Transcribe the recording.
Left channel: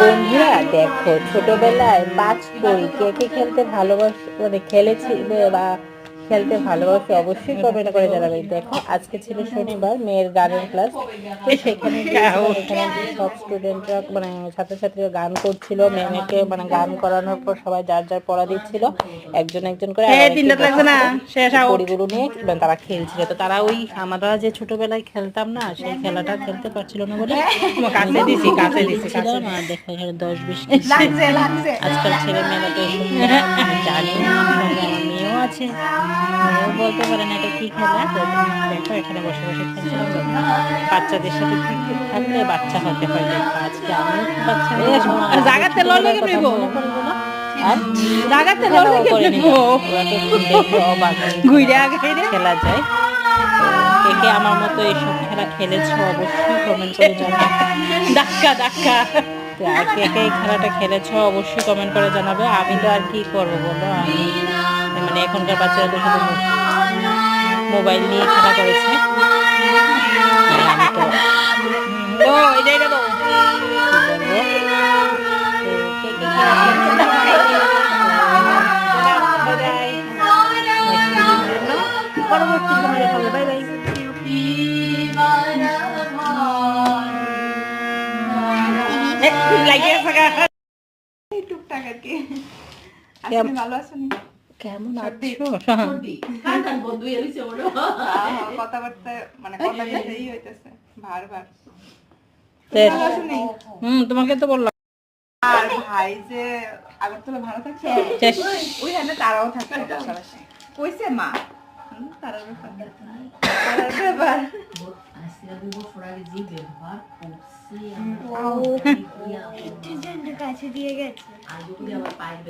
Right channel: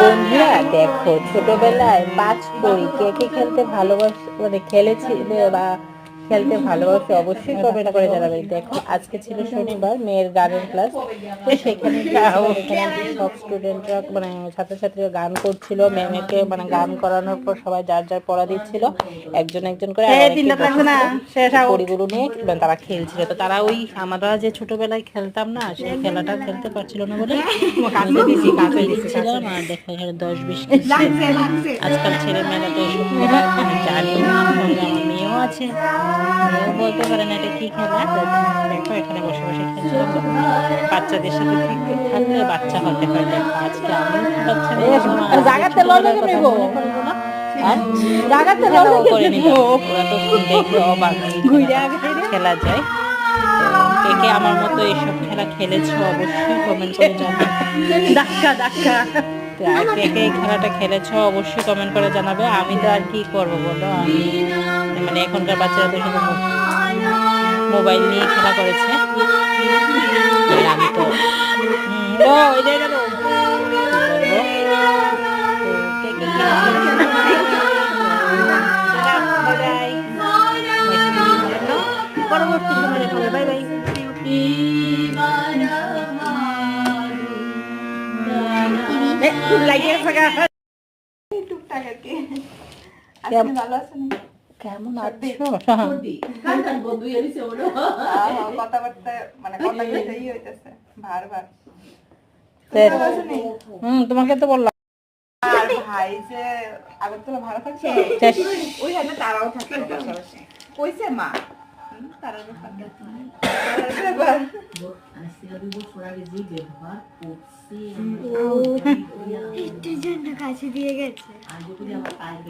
বন্ধুরা দেখো, ছোটবেলায় পাঁচ পড়ি কে কে খেলতে ভালোবাসে, মানে খেলেছিলে বা খেলতে ভালোবাসে অবশ্যই কমেন্ট করে জানাবে। দেখো, আজকে ছিল শনিবার, মেয়ের গানের ক্লাস, তো সেখানে গিয়েছিলাম। এখানে সব স্টুডেন্টরা মানে ছাত্রছাত্রীরা গান করছিল, ম্যামেকে মানে গান করানোর পর সবাই যার যার পড়া দিচ্ছিল, একজন একজন করে। আর অনেকে বসেছিল, পড়িগুলো নিয়ে মানে তারা খেলছিল। তো তারা ওই আমরা যে ছোটবেলায় খেলতাম না, সেই খেলাটা খেলতে পারছিল না বলে কাছে দিচ্ছিলাম। আর দেখো এখানে 10-20 কেজি ছিল। আজকাল ছেলে মেয়েরা তো এসব খেলা জানি না। সঙ্গে আমার মেয়েও আছে, মেয়েও বলতে পারে না এটা কি খেলা। তো দেখো এখানে বসে বসে খেলছিলাম। বাচ্চাদের সাথে থাকলে বাচ্চা হতে হয়। দেখো আজকে আমিও খুব বাচ্চা হয়ে গেলাম, আর আমাদের ছোটবেলার কথা মনে পড়ে গেল। আর খেলাও করে নিলাম। ওরা তো দেখে অবাক খেলা যায়। তো কে কে আমার মতো এইসব খেলা খেলেছো অবশ্যই কমেন্ট করে জানাবে। তো আর কে কে এই খেলাটা খেলেছো অবশ্যই কমেন্ট করে জানাবে। আমি তো আর কি করবো বলো, আমি মানে এখনকার বাচ্চারা তো শুধু মোবাইল নিয়ে খেলা করেছে। আর আমি তো এটাই গেল বলবো। তো কে কে খেলেছো পরবর্তী সময় দেখা হবে। Bye bye. কেমন আছো? কথাবার্তা মানে কথা বলতেই হইতেছে বারবার। তোমাকে তো বললাম। আর ভাই যে আগরতলা ভাড়া থাকছে ওইখানে তারাও থাকে পাশাপাশি। কইছে মা তারার ব্যাপার কাছে দিয়ে গেছে।